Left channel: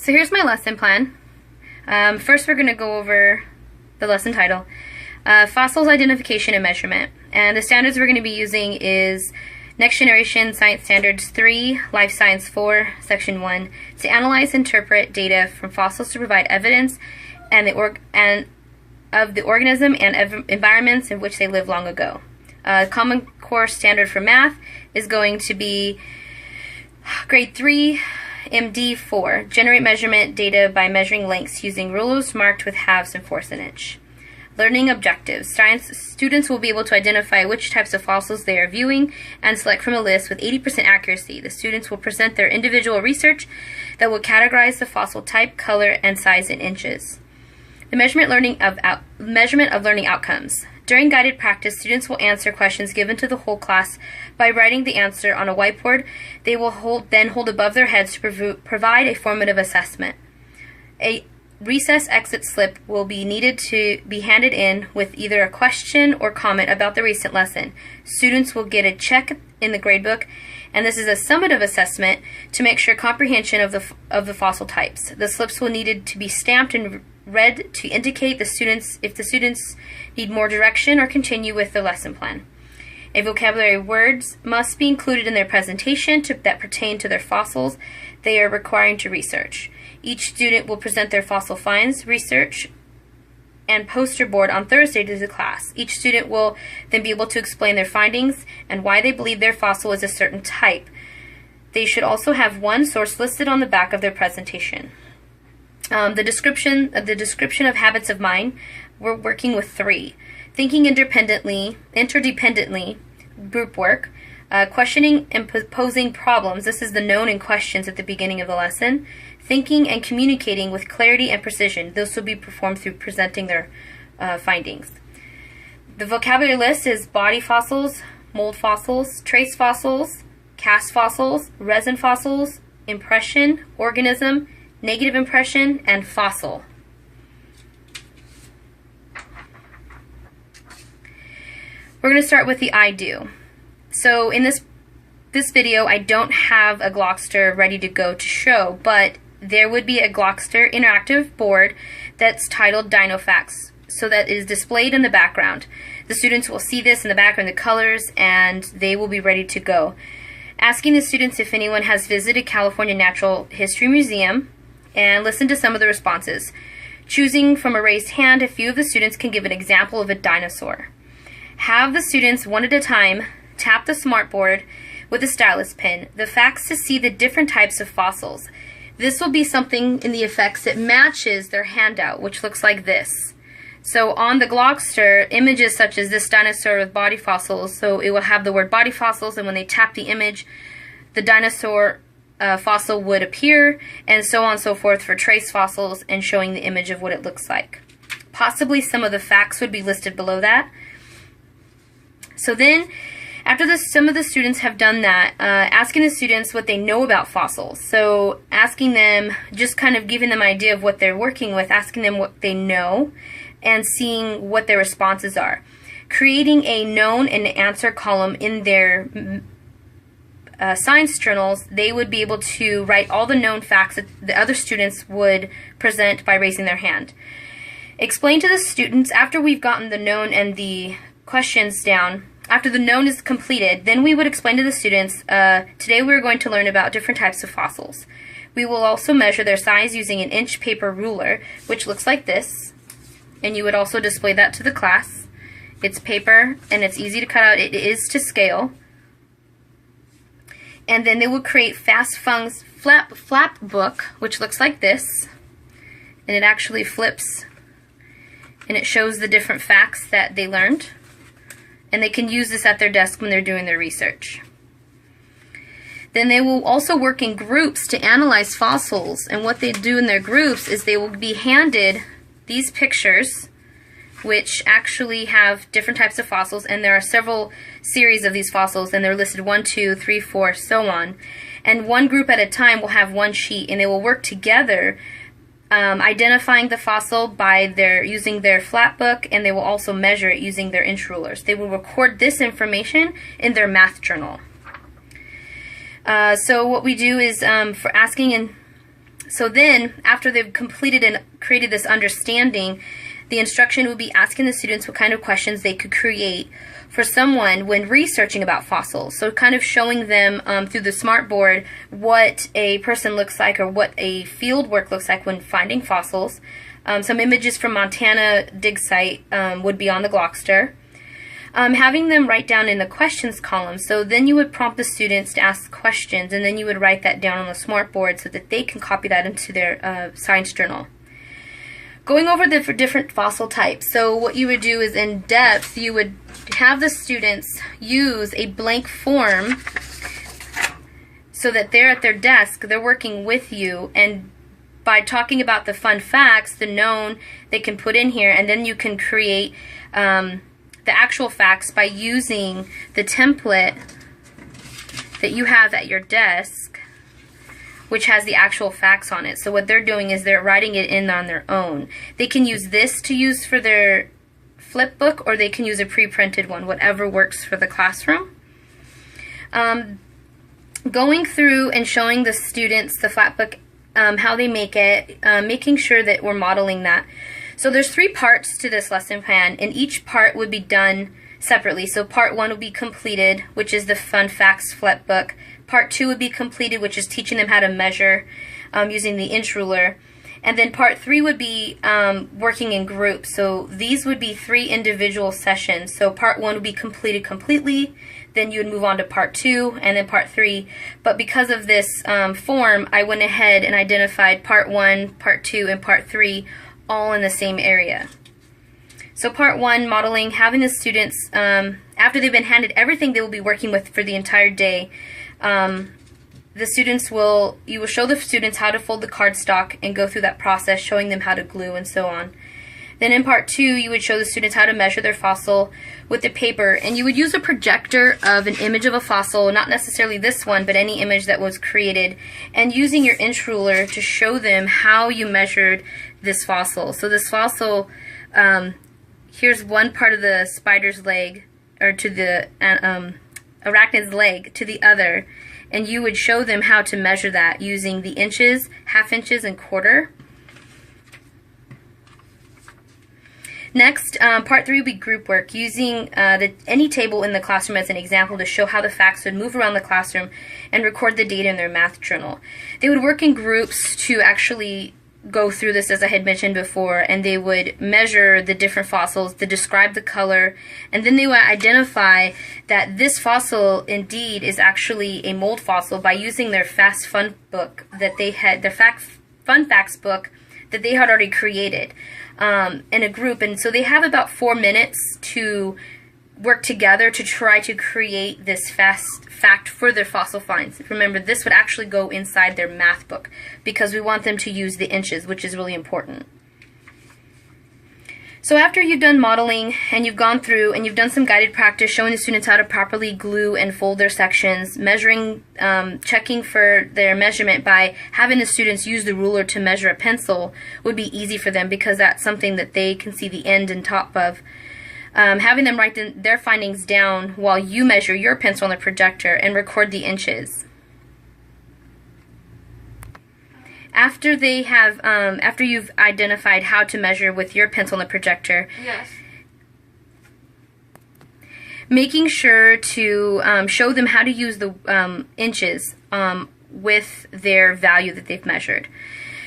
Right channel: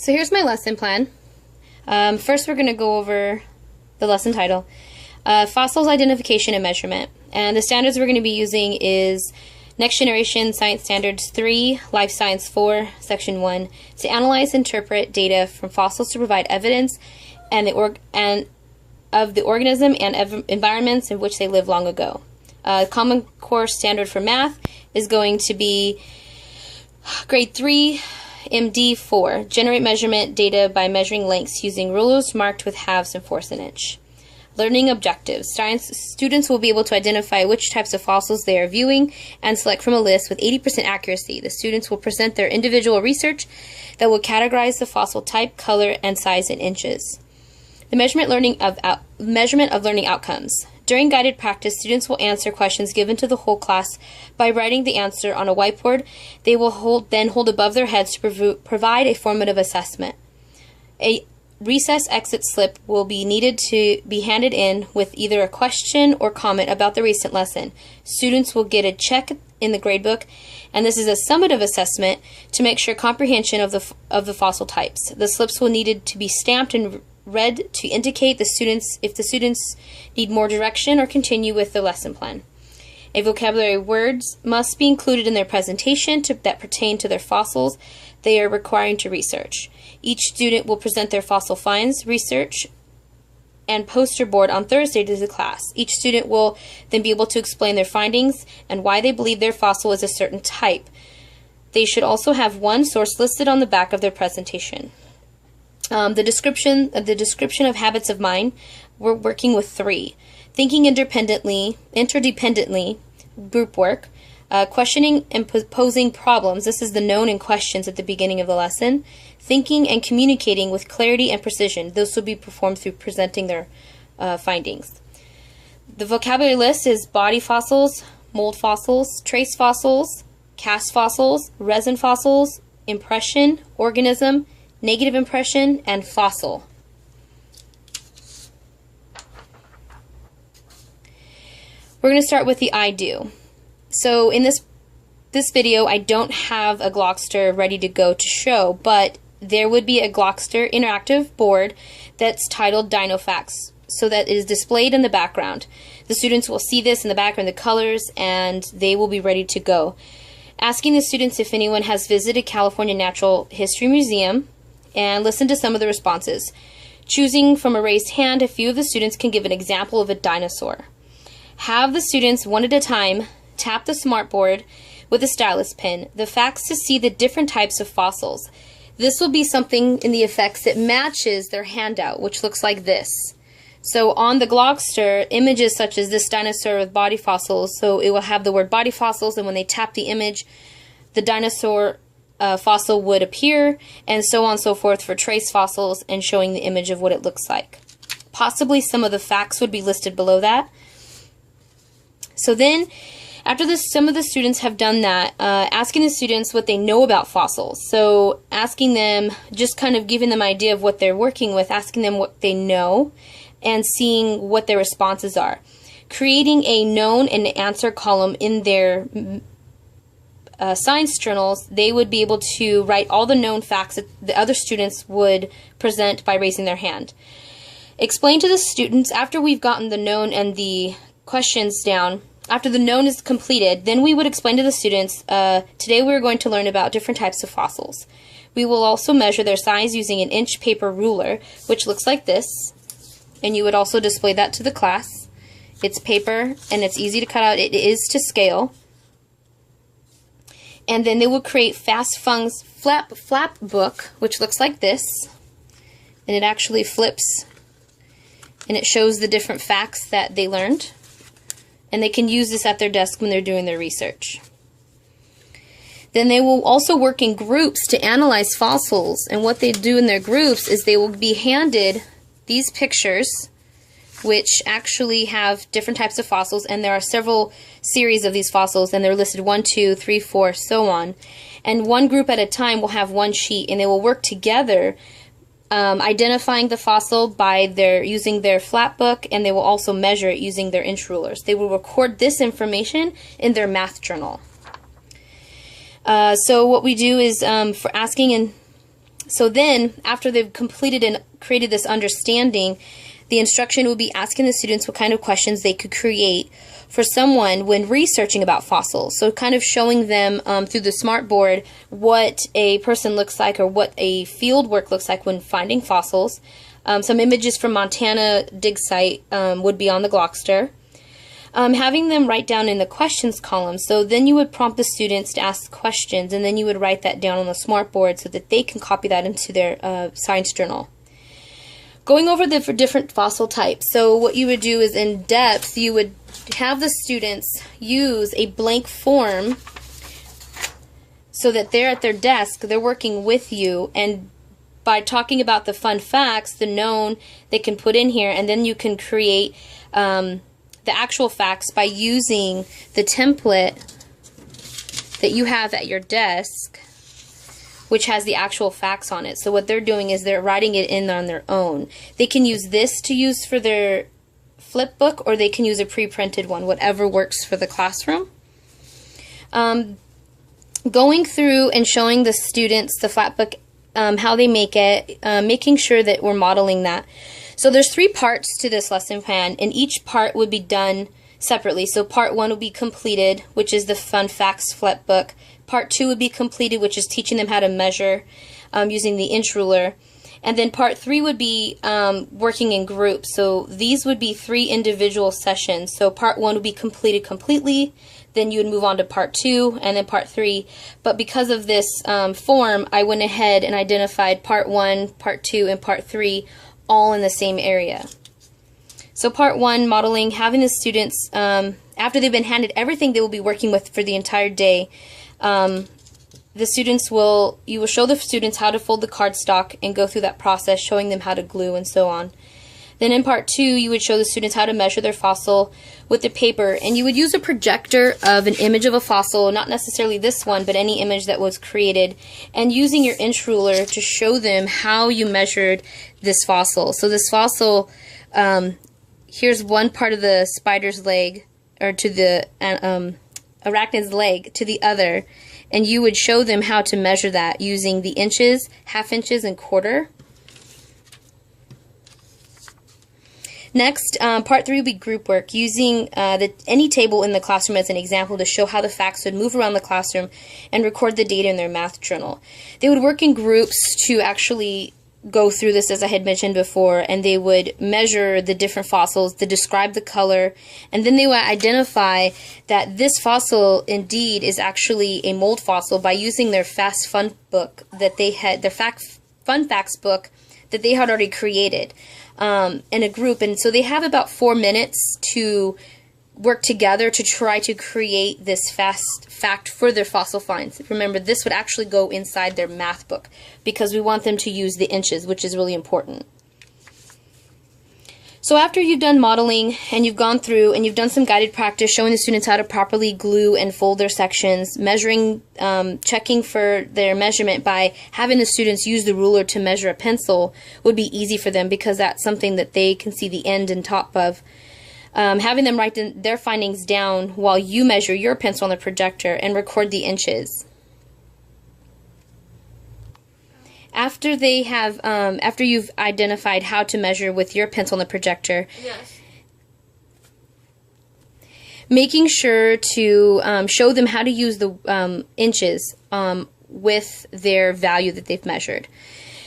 So here's my lesson plan. First we're going to go over the lesson title, Fossils Identification and Measurement. And the standards we're going to be using is Next Generation Science Standards 3, Life Science 4, Section 1, to analyze and interpret data from fossils to provide evidence of the organism and environments in which they lived long ago. Common Core standard for math is going to be grade 3, MD 4, generate measurement data by measuring lengths using rulers marked with halves and fourths an inch. Learning objectives. Science students will be able to identify which types of fossils they are viewing and select from a list with 80% accuracy. The students will present their individual research that will categorize the fossil type, color, and size in inches. The measurement of learning outcomes. During guided practice, students will answer questions given to the whole class by writing the answer on a whiteboard. They will then hold above their heads to provide a formative assessment. A recess exit slip will be needed to be handed in with either a question or comment about the recent lesson. Students will get a check in the gradebook, and this is a summative assessment to make sure comprehension of the fossil types. The slips will need to be stamped and read to indicate if the students need more direction or continue with the lesson plan. A vocabulary words must be included in their presentation that pertain to their fossils they are requiring to research. Each student will present their fossil finds, research, and poster board on Thursday to the class. Each student will then be able to explain their findings and why they believe their fossil is a certain type. They should also have one source listed on the back of their presentation. The description of habits of mind, we're working with 3. Thinking interdependently, group work, questioning and posing problems. This is the known and questions at the beginning of the lesson. Thinking and communicating with clarity and precision. Those will be performed through presenting their findings. The vocabulary list is body fossils, mold fossils, trace fossils, cast fossils, resin fossils, impression, organism, negative impression, and fossil. We're going to start with the I do. So in this video, I don't have a Glockster ready to go to show, but there would be a Glockster interactive board that's titled Dino Facts, so that it is displayed in the background. The students will see this in the background, the colors, and they will be ready to go. Asking the students if anyone has visited California Natural History Museum, and listen to some of the responses. Choosing from a raised hand, a few of the students can give an example of a dinosaur. Have the students, one at a time, tap the smartboard with a stylus pen, the facts to see the different types of fossils. This will be something in the effects that matches their handout, which looks like this. So on the Glockster, images such as this dinosaur with body fossils, so it will have the word body fossils, and when they tap the image, the dinosaur fossil would appear, and so on and so forth for trace fossils, and showing the image of what it looks like. Possibly some of the facts would be listed below that. So then, after some of the students have done that, asking the students what they know about fossils. So asking them, just kind of giving them an idea of what they're working with, asking them what they know, and seeing what their responses are. Creating a known and answer column in their science journals. They would be able to write all the known facts that the other students would present by raising their hand. Explain to the students, after we've gotten the known and the questions down, after the known is completed, then we would explain to the students, today we're going to learn about different types of fossils. We will also measure their size using an inch paper ruler, which looks like this, and you would also display that to the class. It's paper, and it's easy to cut out. It is to scale. And then they will create Fast Fung's flap book, which looks like this, and it actually flips, and it shows the different facts that they learned, and they can use this at their desk when they're doing their research. Then they will also work in groups to analyze fossils, and what they do in their groups is they will be handed these pictures, which actually have different types of fossils, and there are several series of these fossils, and they're listed 1, 2, 3, 4, so on. And one group at a time will have one sheet, and they will work together identifying the fossil by using their flat book, and they will also measure it using their inch rulers. They will record this information in their math journal. So what we do is for asking So then, after they've completed and created this understanding, the instruction would be asking the students what kind of questions they could create for someone when researching about fossils. So kind of showing them through the smartboard what a person looks like or what a field work looks like when finding fossils. Some images from Montana dig site would be on the Glockster. Having them write down in the questions column. So then you would prompt the students to ask questions, and then you would write that down on the smartboard so that they can copy that into their science journal. Going over the different fossil types. So what you would do is in depth, you would have the students use a blank form so that they're at their desk, they're working with you, and by talking about the fun facts, the known, they can put in here, and then you can create the actual facts by using the template that you have at your desk, which has the actual facts on it. So what they're doing is they're writing it in on their own. They can use this to use for their flip book, or they can use a pre-printed one, whatever works for the classroom. Going through and showing the students the flat book, how they make it, making sure that we're modeling that. So there's 3 parts to this lesson plan, and each part would be done separately. So part 1 would be completed, which is the fun facts flip book. Part 2 would be completed, which is teaching them how to measure using the inch ruler. And then part 3 would be working in groups. So these would be 3 individual sessions. So part 1 would be completed completely, then you would move on to part 2, and then part 3. But because of this form, I went ahead and identified part 1, part 2, and part 3 all in the same area. So part 1, modeling, having the students, after they've been handed everything they will be working with for the entire day, you will show the students how to fold the cardstock and go through that process, showing them how to glue and so on. Then in part 2, you would show the students how to measure their fossil with the paper, and you would use a projector of an image of a fossil, not necessarily this one, but any image that was created, and using your inch ruler to show them how you measured this fossil. So this fossil, here's one part of the spider's leg, or to the arachnid's leg to the other, and you would show them how to measure that using the inches, half inches, and quarter. Next, part 3 would be group work, using any table in the classroom as an example to show how the facts would move around the classroom and record the data in their math journal. They would work in groups to actually go through this, as I had mentioned before, and they would measure the different fossils, to describe the color, and then they would identify that this fossil indeed is actually a mold fossil by using their Fast Fun book that they had, their Fun Facts book that they had already created in a group. And so they have about 4 minutes to work together to try to create this fast fact for their fossil finds. Remember, this would actually go inside their math book because we want them to use the inches, which is really important. So after you've done modeling and you've gone through and you've done some guided practice showing the students how to properly glue and fold their sections, measuring, checking for their measurement by having the students use the ruler to measure a pencil would be easy for them because that's something that they can see the end and top of. Having them write their findings down while you measure your pencil on the projector and record the inches. After they have, after you've identified how to measure with your pencil on the projector, yes, making sure to show them how to use the inches with their value that they've measured.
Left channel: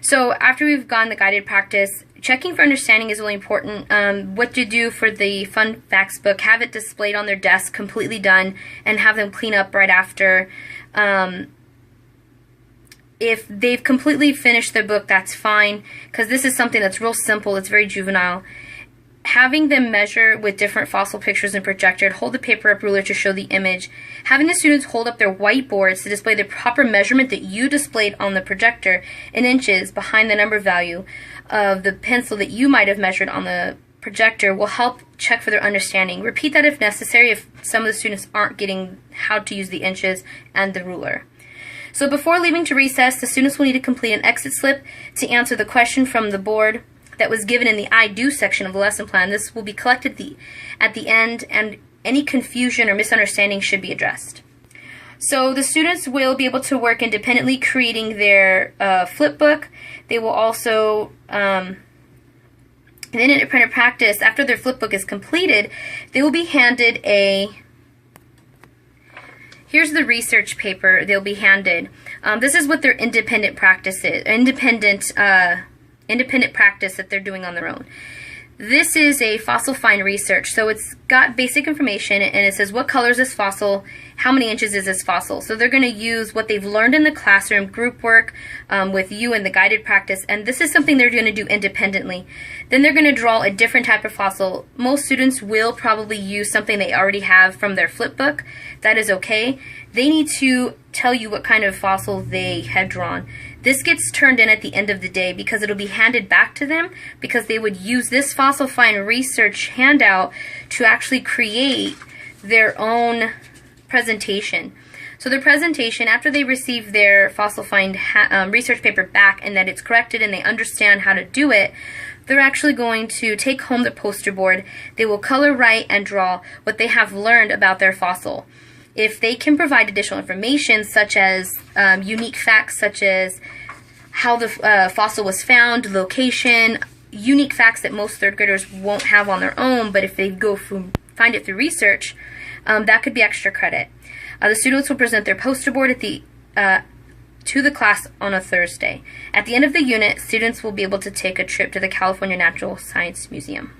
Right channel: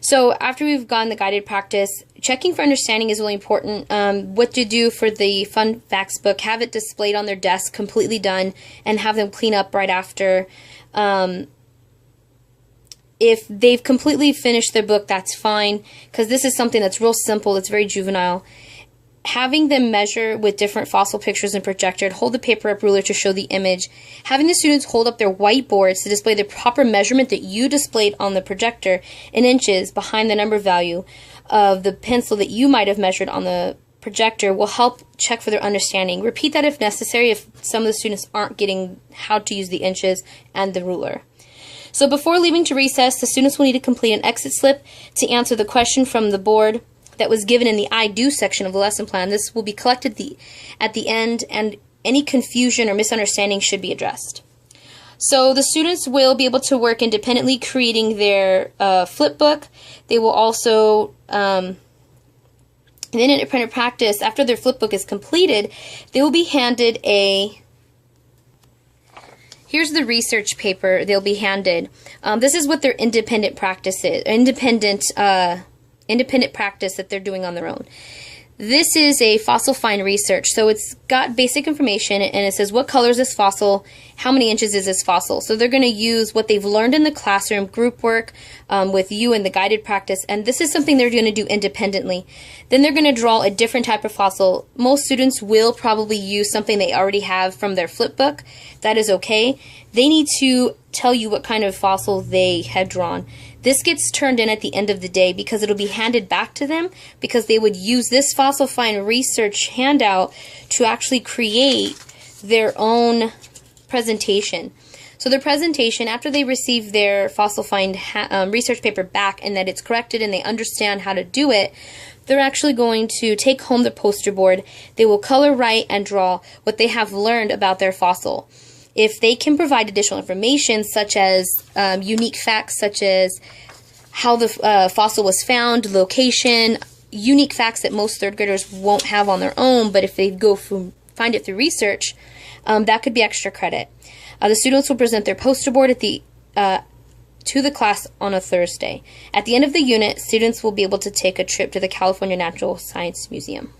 So after we've gone the guided practice, checking for understanding is really important. What to do for the Fun Facts book, have it displayed on their desk, completely done, and have them clean up right after. If they've completely finished their book, that's fine, because this is something that's real simple, it's very juvenile. Having them measure with different fossil pictures and projected, hold the paper up ruler to show the image. Having the students hold up their whiteboards to display the proper measurement that you displayed on the projector in inches behind the number value of the pencil that you might have measured on the projector will help check for their understanding. Repeat that if necessary if some of the students aren't getting how to use the inches and the ruler. So before leaving to recess, the students will need to complete an exit slip to answer the question from the board that was given in the I Do section of the lesson plan. This will be collected at the end, and any confusion or misunderstanding should be addressed. So the students will be able to work independently creating their flip book. They will also, in independent practice, after their flip book is completed, they will be handed here's the research paper they'll be handed. This is what their independent practice is, independent practice that they're doing on their own. This is a fossil find research, so it's got basic information, and it says what color is this fossil, how many inches is this fossil. So they're going to use what they've learned in the classroom, group work with you in the guided practice, and this is something they're going to do independently. Then they're going to draw a different type of fossil. Most students will probably use something they already have from their flip book. That is okay. They need to tell you what kind of fossil they have drawn. This gets turned in at the end of the day because it'll be handed back to them, because they would use this fossil find research handout to actually create their own presentation. So their presentation, after they receive their fossil find research paper back and that it's corrected and they understand how to do it, they're actually going to take home the poster board. They will color, write, and draw what they have learned about their fossil. If they can provide additional information, such as unique facts, such as how the fossil was found, location, unique facts that most third graders won't have on their own, but if they go find it through research, that could be extra credit. The students will present their poster board at to the class on a Thursday. At the end of the unit, students will be able to take a trip to the California Natural Science Museum.